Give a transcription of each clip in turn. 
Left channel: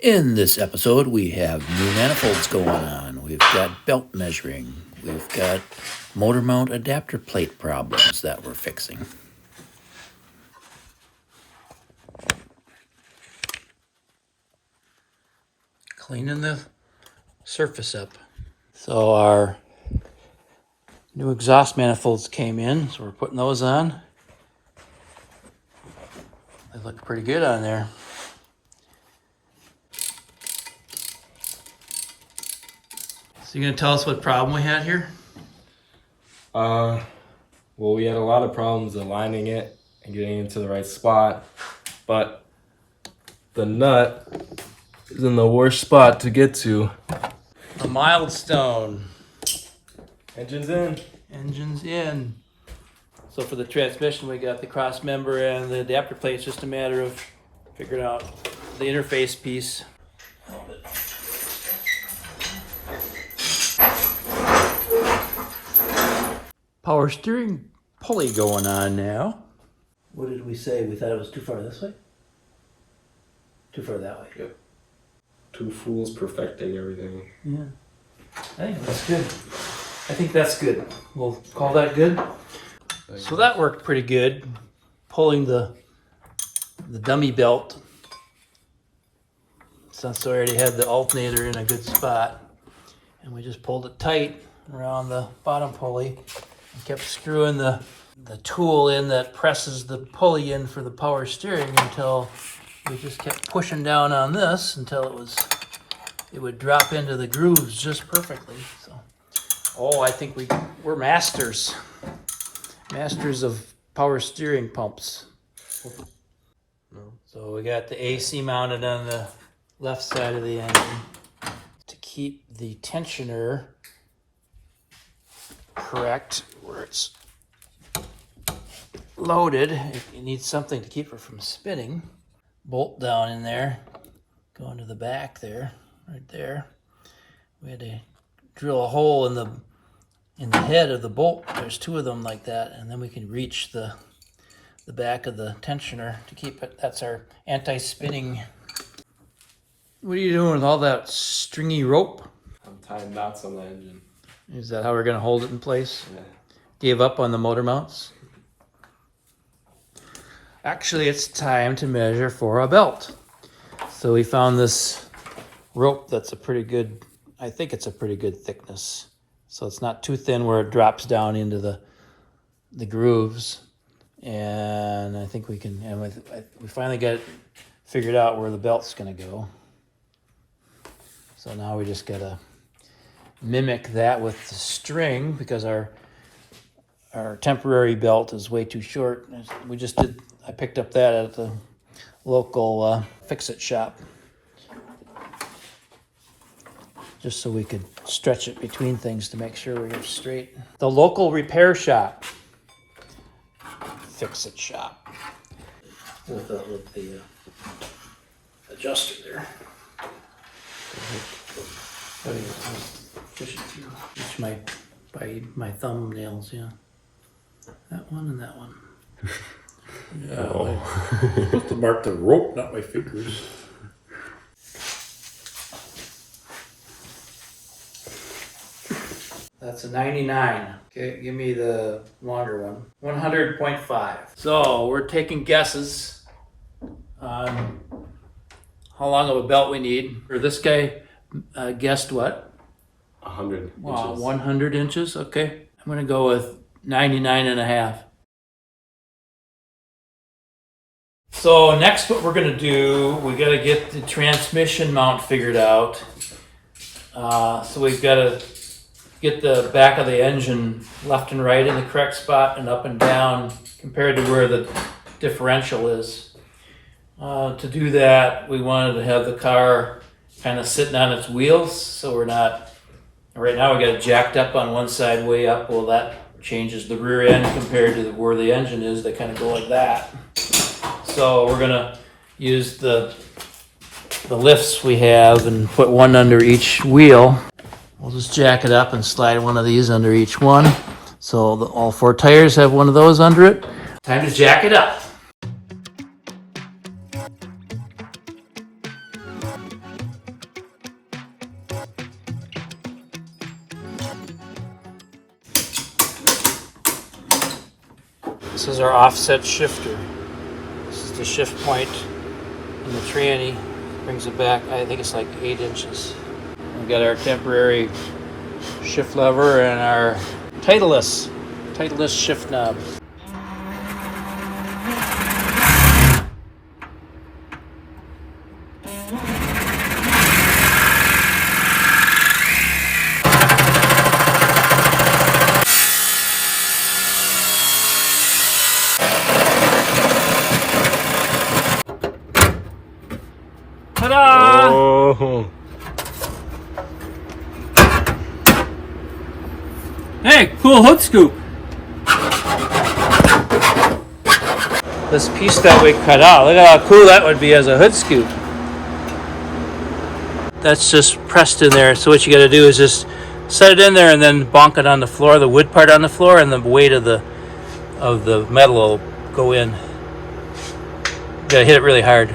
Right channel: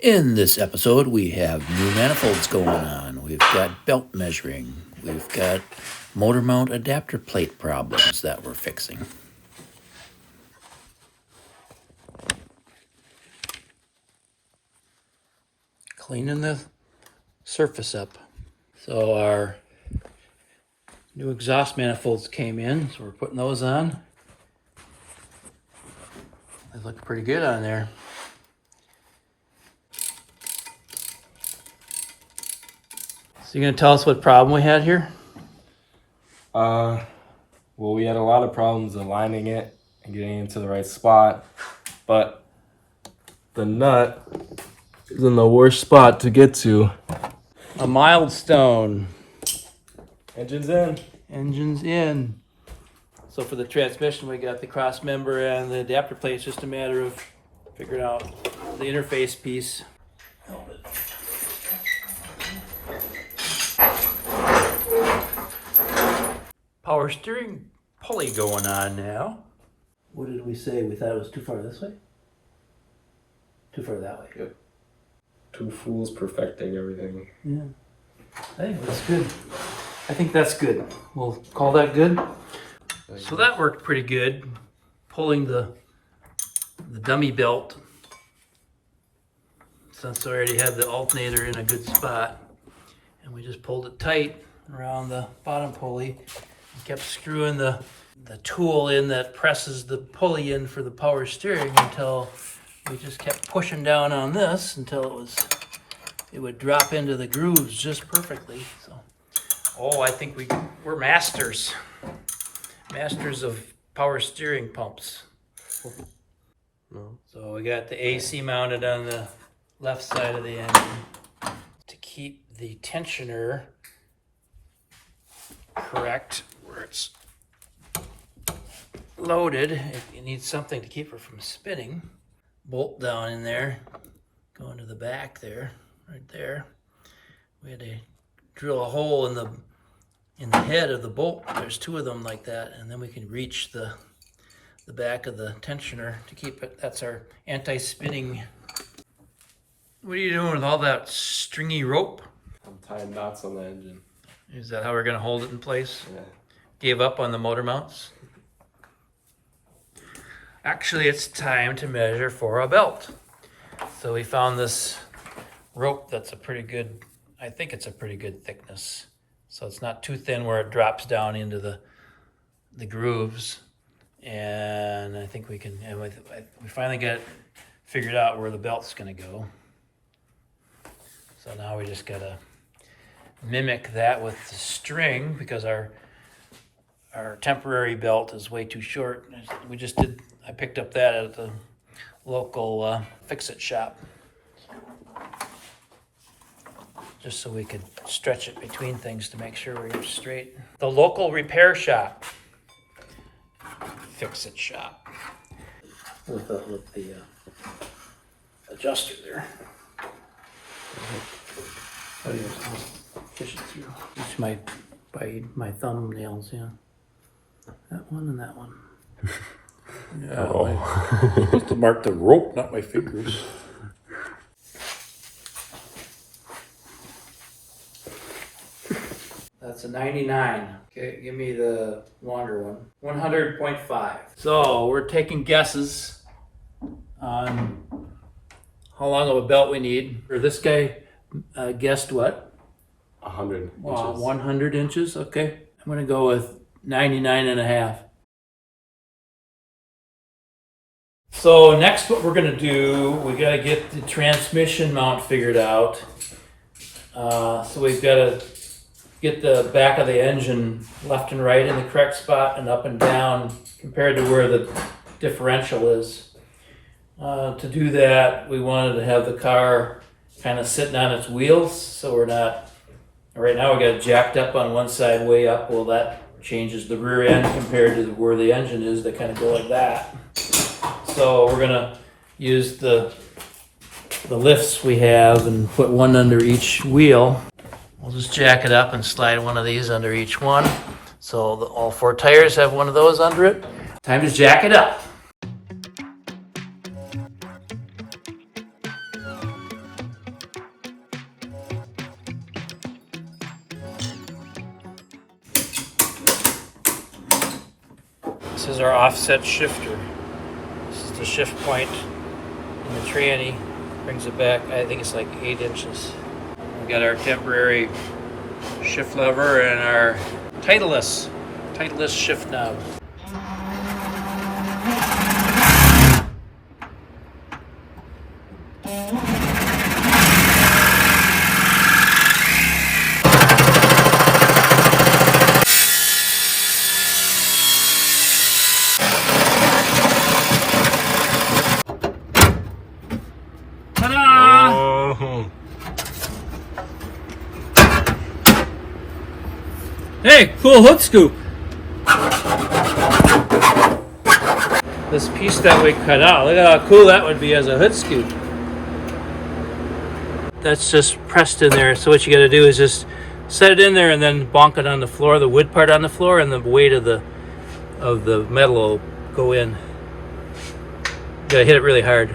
In this episode, we have new manifolds going on. We've got belt measuring. We've got motor mount adapter plate problems that we're fixing. Cleaning the surface up. So our new exhaust manifolds came in, so we're putting those on. They look pretty good on there. So you gonna tell us what problem we had here? Well, we had a lot of problems aligning it and getting into the right spot, but the nut is in the worst spot to get to. A milestone. Engine's in. Engine's in. So for the transmission, we got the cross member and the adapter plate. It's just a matter of figuring out the interface piece. Power steering pulley going on now. What did we say? We thought it was too far this way? Too far that way. Yep. Two fools perfecting everything. Yeah. I think that's good. I think that's good. We'll call that good. So that worked pretty good. Pulling the dummy belt, since we already had the alternator in a good spot. And we just pulled it tight around the bottom pulley and kept screwing the tool in that presses the pulley in for the power steering until we just kept pushing down on this until it would drop into the grooves just perfectly. So, I think we're masters of power steering pumps. So we got the AC mounted on the left side of the engine to keep the tensioner correct where it's loaded. It needs something to keep it from spinning. Bolt down in there, going to the back there, right there. We had to drill a hole in the head of the bolt. There's two of them like that, and then we can reach the back of the tensioner to keep it. That's our anti-spinning. What are you doing with all that stringy rope? I'm tying knots on the engine. Is that how we're gonna hold it in place? Yeah. Gave up on the motor mounts? Actually, it's time to measure for a belt. So we found this rope that's I think it's a pretty good thickness. So it's not too thin where it drops down into the grooves. And I think we finally got it figured out where the belt's gonna go. So now we just gotta mimic that with the string, because our temporary belt is way too short. I picked up that at the local fix-it shop, just so we could stretch it between things to make sure we're straight. The local repair shop, fix-it shop, with the adjuster there. How do you reach my thumbnails? Yeah, that one and that one. Yeah, I'm supposed to mark the rope, not my fingers. That's a 99. Okay, give me the longer one. 100.5. So we're taking guesses on how long of a belt we need. Or this guy guessed what? 100 Wow, inches. 100 inches. Okay, I'm gonna go with 99 and a half. So next, what we're gonna do, we gotta get the transmission mount figured out. So we've gotta get the back of the engine left and right in the correct spot and up and down compared to where the differential is. To do that, we wanted to have the car kind of sitting on its wheels, so we're not, right now we got it jacked up on one side way up. Well, that changes the rear end compared to where the engine is. They kind of go like that. So we're gonna use the lifts we have and put one under each wheel. We'll just jack it up and slide one of these under each one. So all four tires have one of those under it. Time to jack it up. This is our offset shifter. This is the shift point in the tranny. Brings it back, I think it's like 8 inches. We got our temporary shift lever and our Titleist shift knob. Ta-da! Oh. Hey, cool hood scoop. This piece that we cut out, look at how cool that would be as a hood scoop. That's just pressed in there. So what you got to do is just set it in there and then bonk it on the floor, the wood part on the floor, and the weight of the metal will go in. You got to hit it really hard.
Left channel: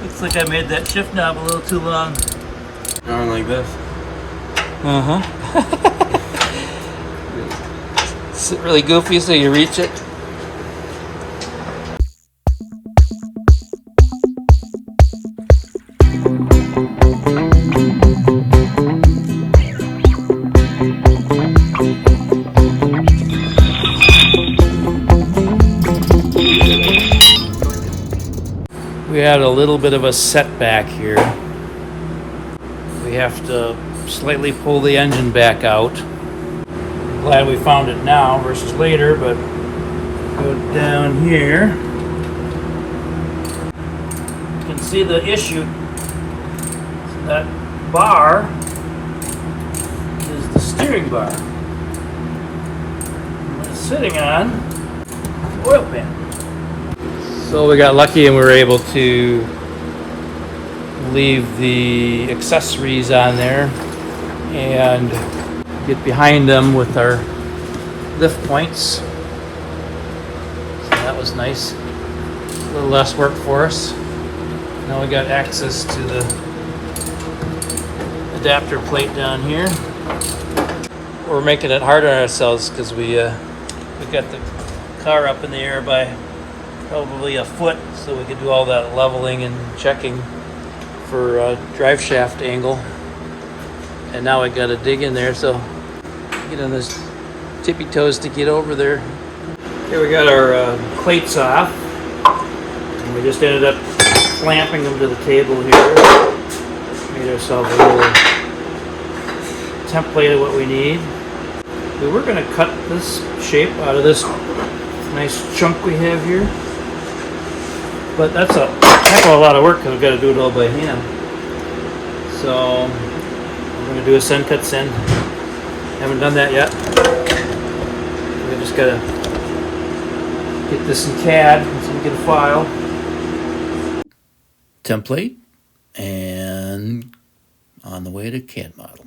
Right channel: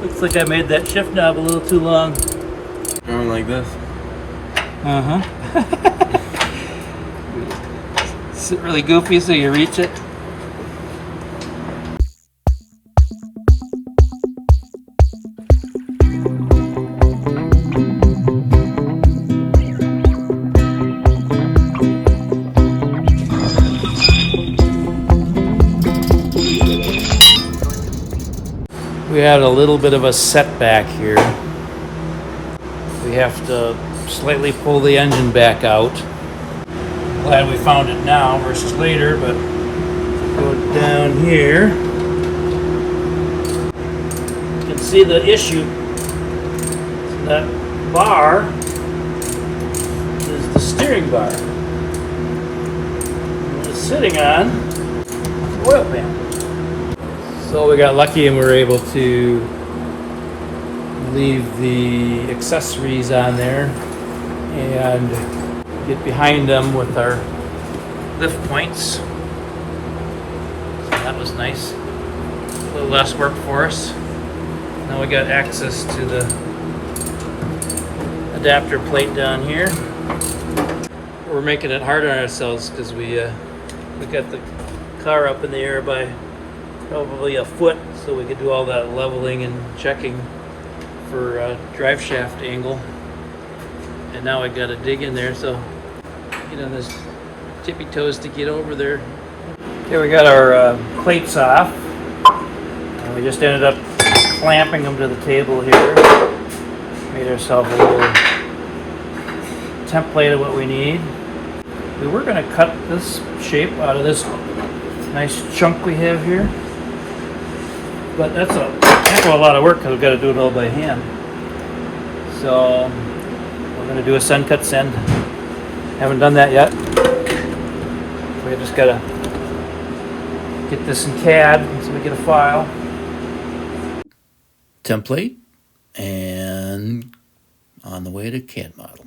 Looks like I made that shift knob a little too long. Like this. Uh-huh. Is it really goofy so you reach it? We had a little bit of a setback here. We have to slightly pull the engine back out. Glad we found it now versus later, but go down here. You can see the issue. That bar is the steering bar. What it's sitting on, oil pan. So we got lucky and we were able to leave the accessories on there and get behind them with our lift points. So that was nice. A little less work for us. Now we got access to the adapter plate down here. We're making it harder on ourselves because we got the car up in the air by probably a foot, so we could do all that leveling and checking for drive shaft angle. And now I gotta dig in there, so get on his tippy toes to get over there. Here we got our plates off, and we just ended up clamping them to the table here. Made ourselves a little template of what we need. We were gonna cut this shape out of this nice chunk we have here, but that's a heck of a lot of work because we've got to do it all by hand. So we're going to do a send cut send. Haven't done that yet. We just got to get this in CAD so we get a file. Template and on the way to CAD model.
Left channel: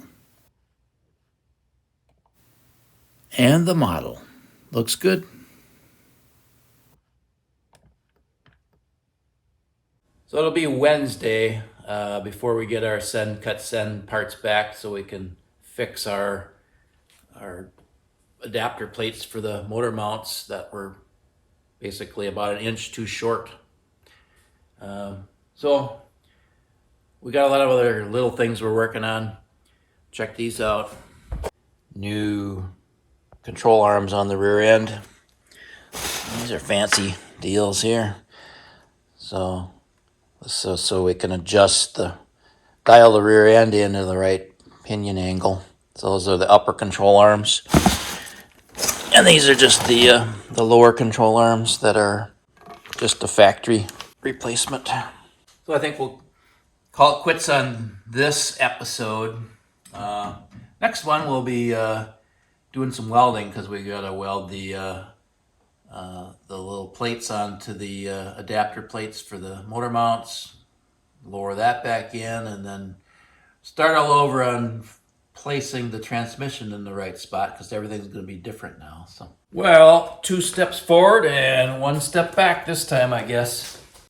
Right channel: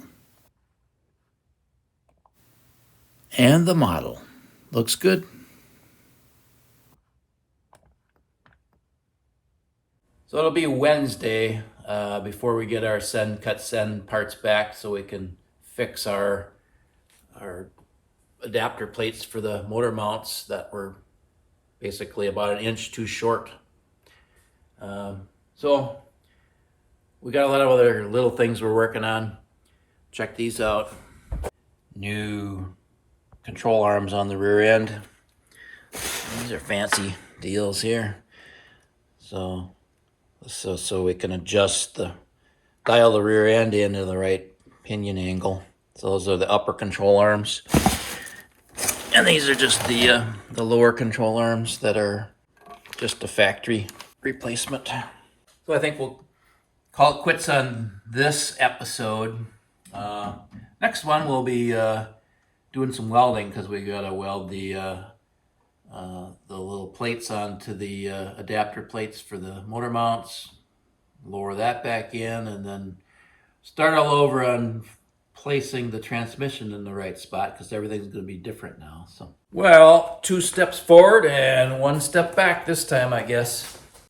And the model looks good. So it'll be Wednesday before we get our send cut send parts back, so we can fix our adapter plates for the motor mounts that were basically about 1 inch too short. So we got a lot of other little things we're working on. Check these out. New control arms on the rear end. These are fancy deals here. So we can adjust dial the rear end into the right pinion angle. So those are the upper control arms. And these are just the lower control arms that are just a factory replacement. So I think we'll call it quits on this episode. Next one we'll be doing some welding because we gotta weld the little plates onto the adapter plates for the motor mounts, lower that back in, and then start all over on placing the transmission in the right spot because everything's going to be different now. So, well, 2 steps forward and 1 step back this time, I guess.